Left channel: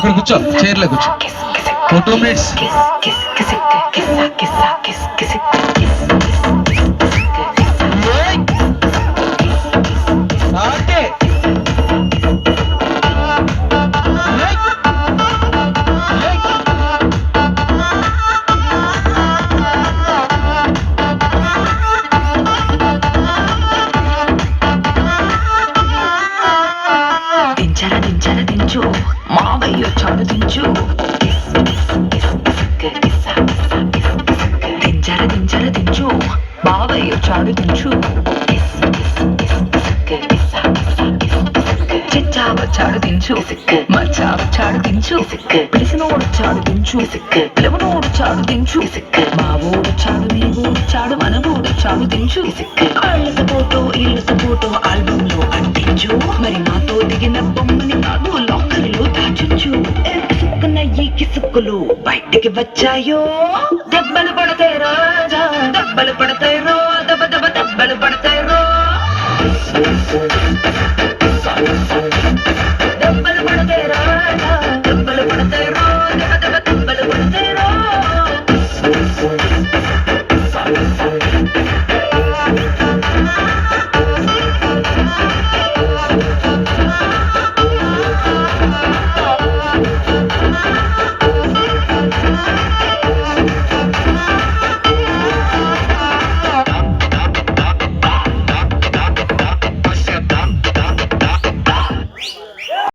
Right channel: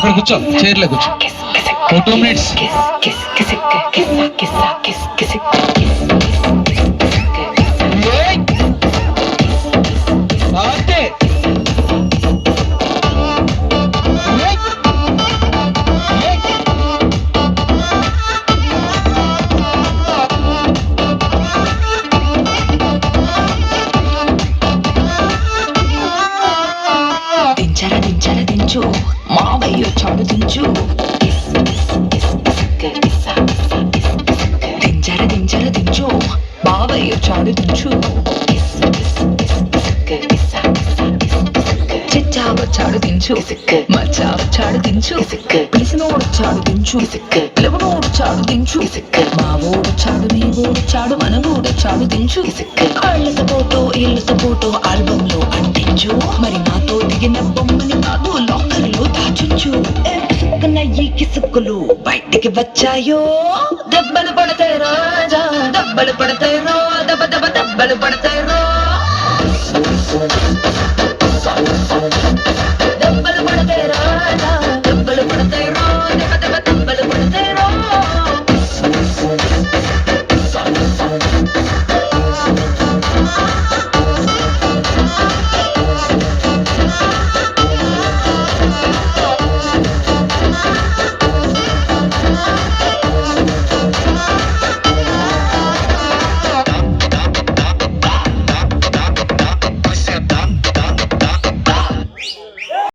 అక్కడ కూర్చో, చైర్లో కూర్చో. ఓ 2 minutes. దించరా దించు మావయ్య చాడు దించు దించరా దించు మావయ్య చాడు దించు చిచ్చావ చాడు దించు మచ్చావ చాడు దించు పిలిసినోడు చాడు దించు పిలవనోడు చాడు దించు మావోడు చాడు నీ ఊడు చాడు మనవోడు చాడు దించు వాళ్ళతో ఫోటో ఇళ్ళతో ఫోటో ఆల్బమ్ లో అంటించు మరి నాతో దిగిన బొమ్మని కాదు లాకర్లో దాచుంచు ఈ కిసుక్కులు బయటికి వచ్చాయో దెబ్బలు పడతాయి రాజా దెబ్బలు పడతాయి రో దెబ్బలు పడతాయి రో